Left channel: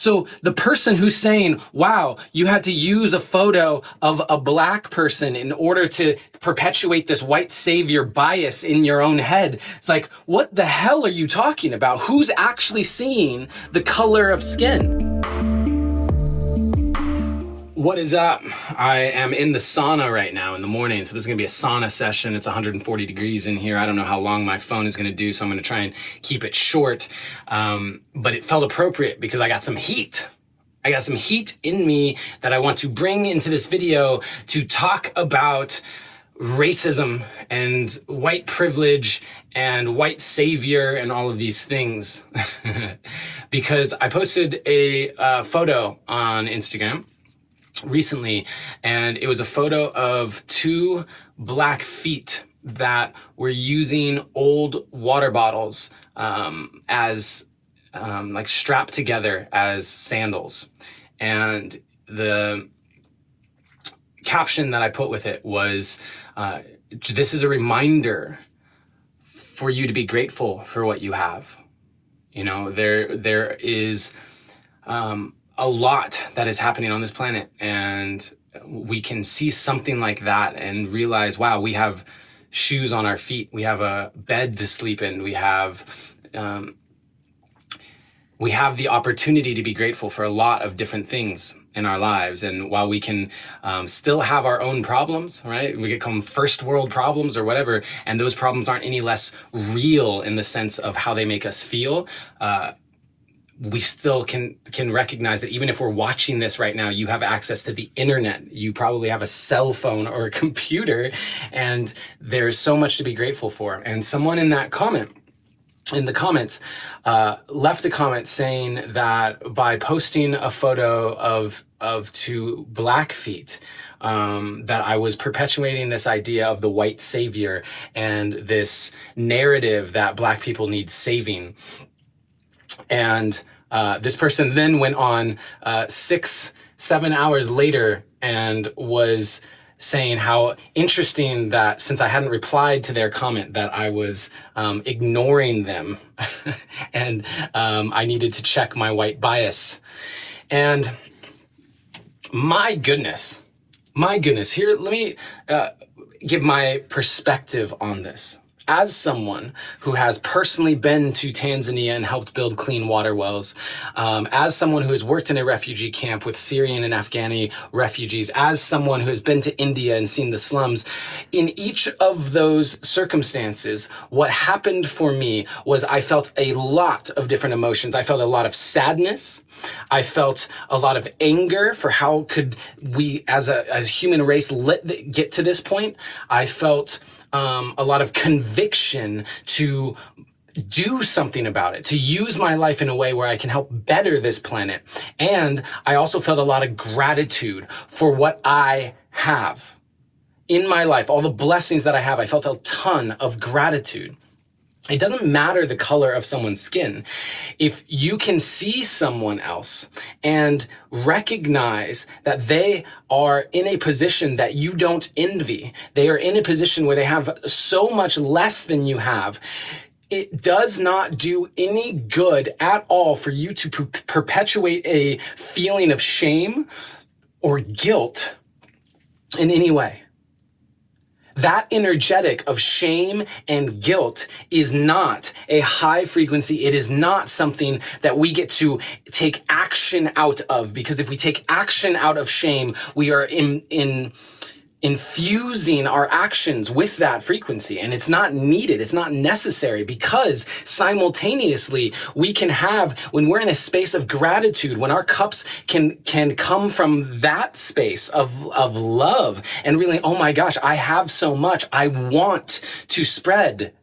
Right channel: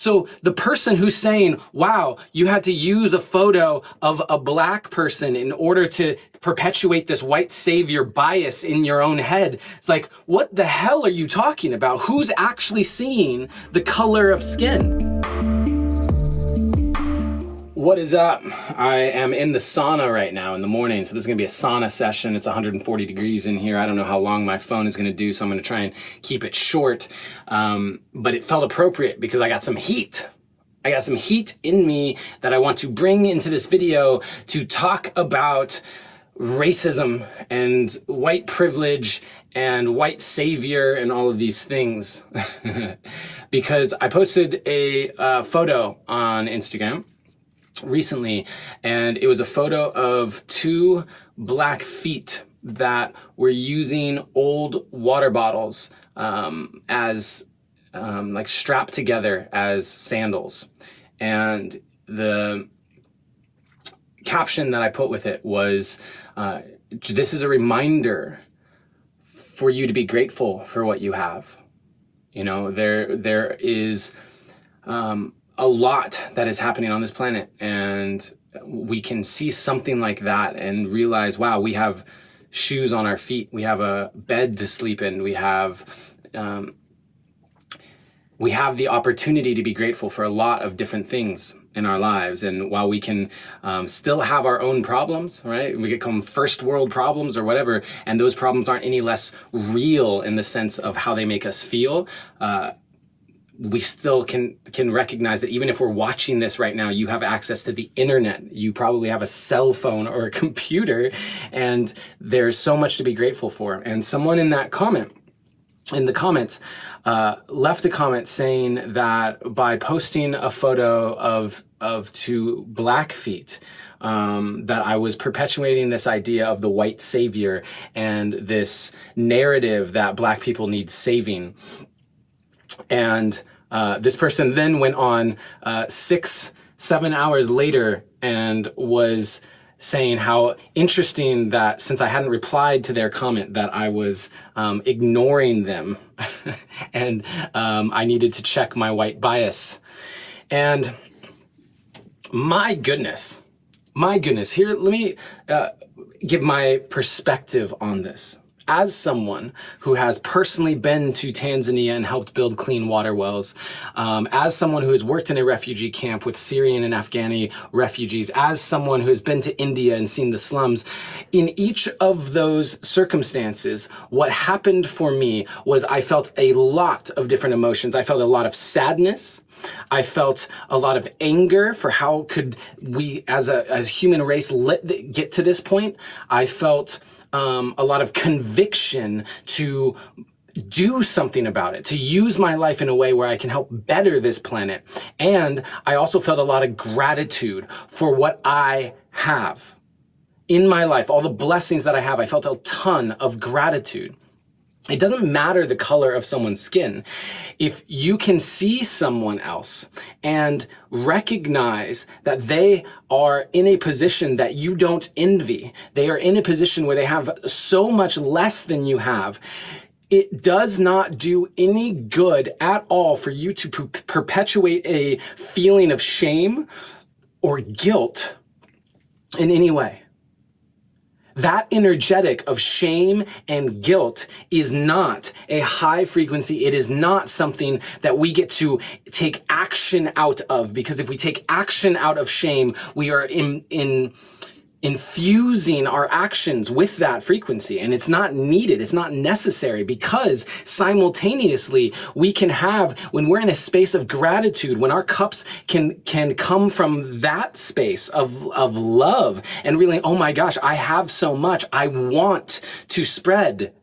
So the person who's saying, wow, you had to use a photo of a black person in order to perpetuate this white savior bias in your own head, it's like, what the hell are you talking about? Who's actually seeing the color of skin? What is up? I am in the sauna right now in the morning. So this is gonna be a sauna session. It's 140 degrees in here. I don't know how long my phone is gonna do, so I'm gonna try and keep it short. But it felt appropriate because I got some heat. I got some heat in me that I want to bring into this video to talk about racism and white privilege and white savior and all of these things. Because I posted a photo on Instagram recently, and it was a photo of two black feet that were using old water bottles as like strapped together as sandals. And the caption that I put with it was, this is a reminder for you to be grateful for what you have. You know, there is a lot that is happening on this planet, and we can see something like that and realize, wow, we have shoes on our feet, we have a bed to sleep in, we have the opportunity to be grateful for a lot of different things in our lives. And while we can still have our own problems, right? We get called first world problems or whatever, and those problems aren't any less real in the sense of how they make us feel. We still can recognize that even if we're watching this right now, you have access to the internet. You probably have a cell phone or a computer, and there's so much to be grateful for. And someone in the comments, left a comment saying that by posting a photo of two black feet, that I was perpetuating this idea of the white savior and this narrative that black people need saving. And this person then went on 6-7 hours later and was saying how interesting that since I hadn't replied to their comment that I was ignoring them and I needed to check my white bias. And my goodness, here, let me give my perspective on this. As someone who has personally been to Tanzania and helped build clean water wells, as someone who has worked in a refugee camp with Syrian and Afghani refugees, as someone who has been to India and seen the slums, in each of those circumstances, what happened for me was I felt a lot of different emotions. I felt a lot of sadness. I felt a lot of anger for how could we as human race get to this point. I felt a lot of conviction to do something about it, to use my life in a way where I can help better this planet. And I also felt a lot of gratitude for what I have in my life, all the blessings that I have. I felt a ton of gratitude. It doesn't matter the color of someone's skin. If you can see someone else and recognize that they are in a position that you don't envy, they are in a position where they have so much less than you have, it does not do any good at all for you to perpetuate a feeling of shame or guilt in any way. That energetic of shame and guilt is not a high frequency. It is not something that we get to take action out of, because if we take action out of shame, we are infusing our actions with that frequency, and it's not needed, it's not necessary, because simultaneously we can have, when we're in a space of gratitude, when our cups can come from that space of love and really, oh my gosh, I have so much, I want to spread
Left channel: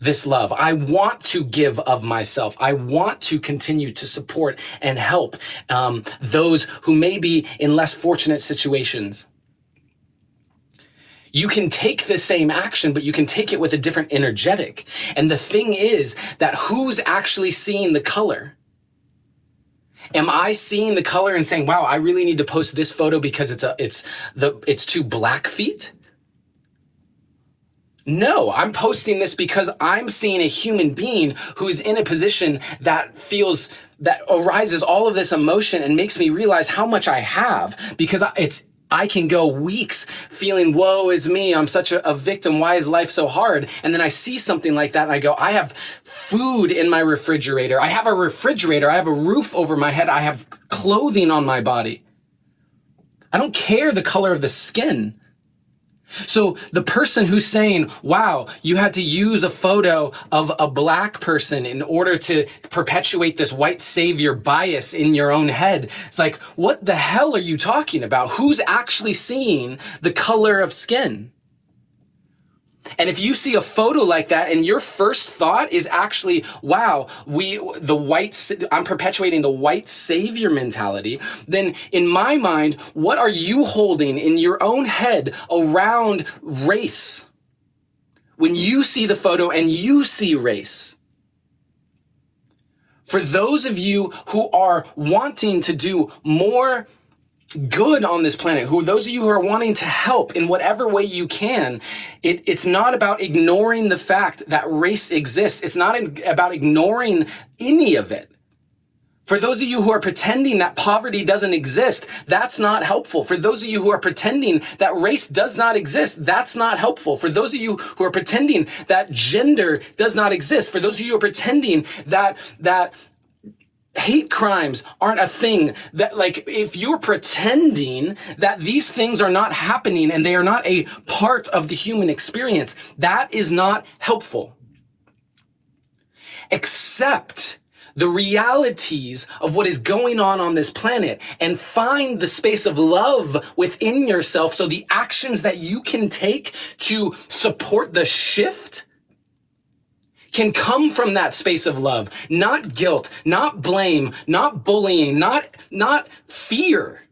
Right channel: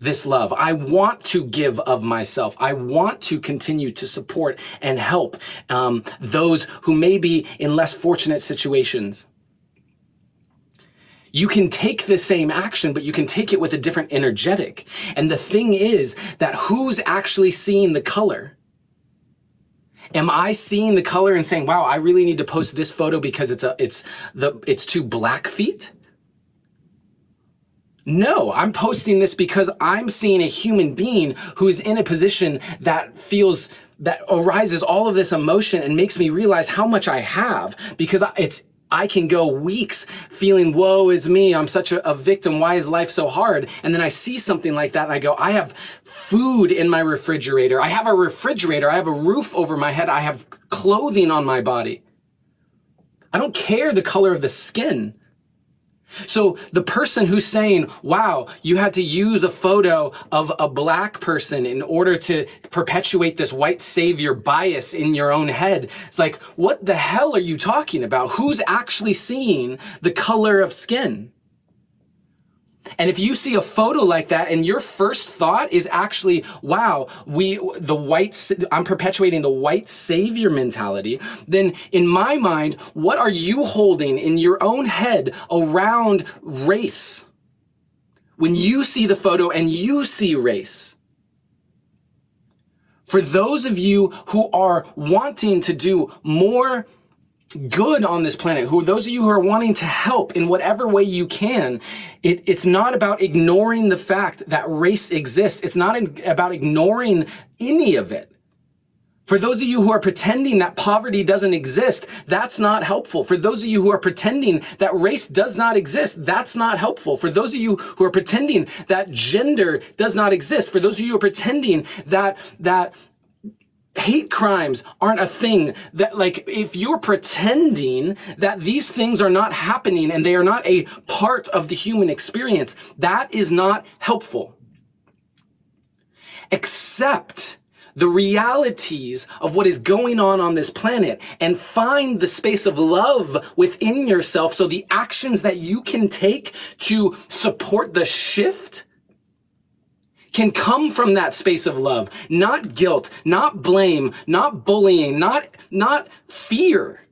this love, I want to give of myself, I want to continue to support and help those who may be in less fortunate situations. You can take the same action, but you can take it with a different energetic. And the thing is that who's actually seeing the color? Am I seeing the color and saying, wow, I really need to post this photo because it's two black feet? No, I'm posting this because I'm seeing a human being who is in a position that feels that arises all of this emotion and makes me realize how much I have, because I can go weeks feeling, woe is me, I'm such a victim, why is life so hard? And then I see something like that and I go, I have food in my refrigerator, I have a refrigerator, I have a roof over my head, I have clothing on my body. I don't care the color of the skin. So the person who's saying, wow, you had to use a photo of a black person in order to perpetuate this white savior bias in your own head, it's like, what the hell are you talking about? Who's actually seeing the color of skin? And if you see a photo like that and your first thought is actually, wow, I'm perpetuating the white savior mentality, then in my mind, what are you holding in your own head around race? When you see the photo and you see race. For those of you who are wanting to do more good on this planet, those of you who are wanting to help in whatever way you can, it's not about ignoring the fact that race exists. It's not about ignoring any of it. For those of you who are pretending that poverty doesn't exist, that's not helpful. For those of you who are pretending that race does not exist, that's not helpful. For those of you who are pretending that gender does not exist, for those of you who are pretending that hate crimes aren't a thing, that like, if you're pretending that these things are not happening and they are not a part of the human experience, that is not helpful. Accept the realities of what is going on this planet and find the space of love within yourself, so the actions that you can take to support the shift can come from that space of love, not guilt, not blame, not bullying, not fear.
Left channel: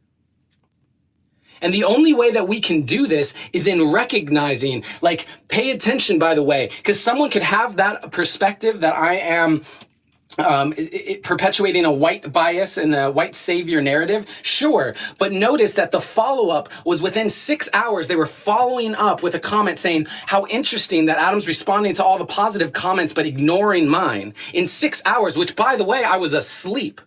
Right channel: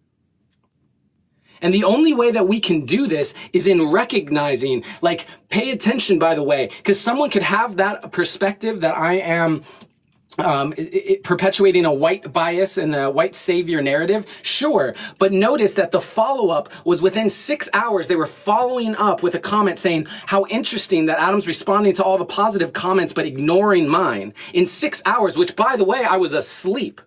And the only way that we can do this is in recognizing, like, pay attention, by the way, because someone could have that perspective that I am perpetuating a white bias and a white savior narrative, sure. But notice that the follow-up was within 6 hours. They were following up with a comment saying, how interesting that Adam's responding to all the positive comments but ignoring mine. In 6 hours, which, by the way, I was asleep.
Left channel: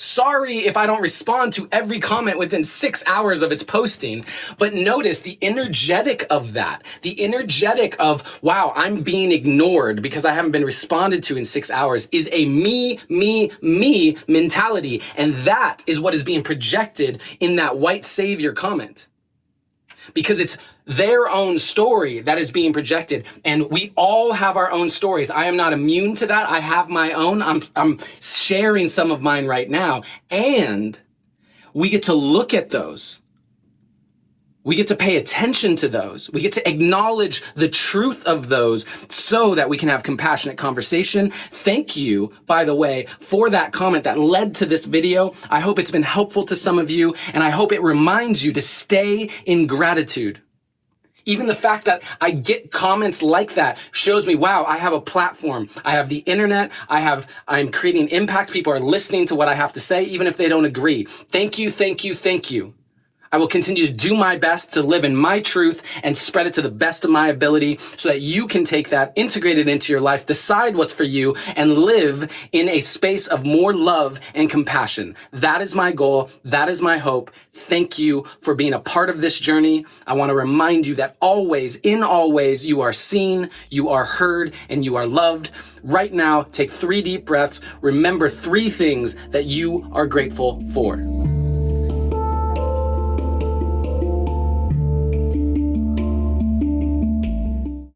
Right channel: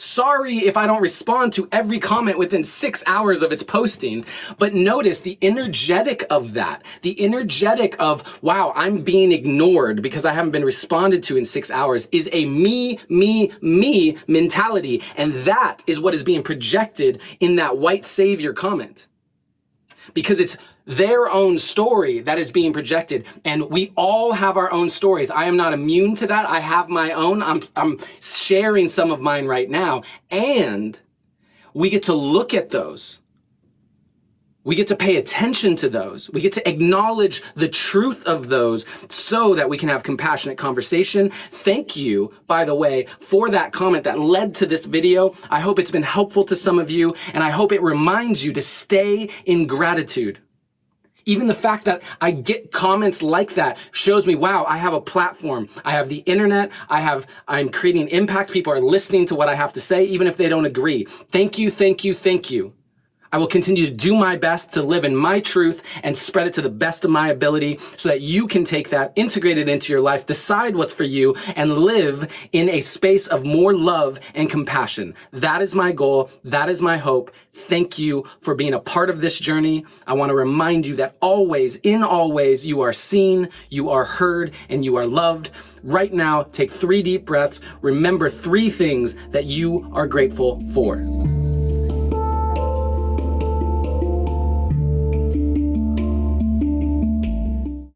Sorry if I don't respond to every comment within 6 hours of its posting, but notice the energetic of that, the energetic of, wow, I'm being ignored because I haven't been responded to in 6 hours, is a me mentality. And that is what is being projected in that white savior comment. Because it's their own story that is being projected. And we all have our own stories. I am not immune to that. I have my own. I'm sharing some of mine right now. And we get to look at those. We get to pay attention to those. We get to acknowledge the truth of those so that we can have compassionate conversation. Thank you, by the way, for that comment that led to this video. I hope it's been helpful to some of you, and I hope it reminds you to stay in gratitude. Even the fact that I get comments like that shows me, wow, I have a platform. I have the internet. I'm creating impact. People are listening to what I have to say, even if they don't agree. Thank you, thank you, thank you. I will continue to do my best to live in my truth and spread it to the best of my ability so that you can take that, integrate it into your life, decide what's for you, and live in a space of more love and compassion. That is my goal. That is my hope. Thank you for being a part of this journey. I want to remind you that always, in all ways, you are seen, you are heard, and you are loved. Right now, take 3 deep breaths. Remember 3 things that you are grateful for.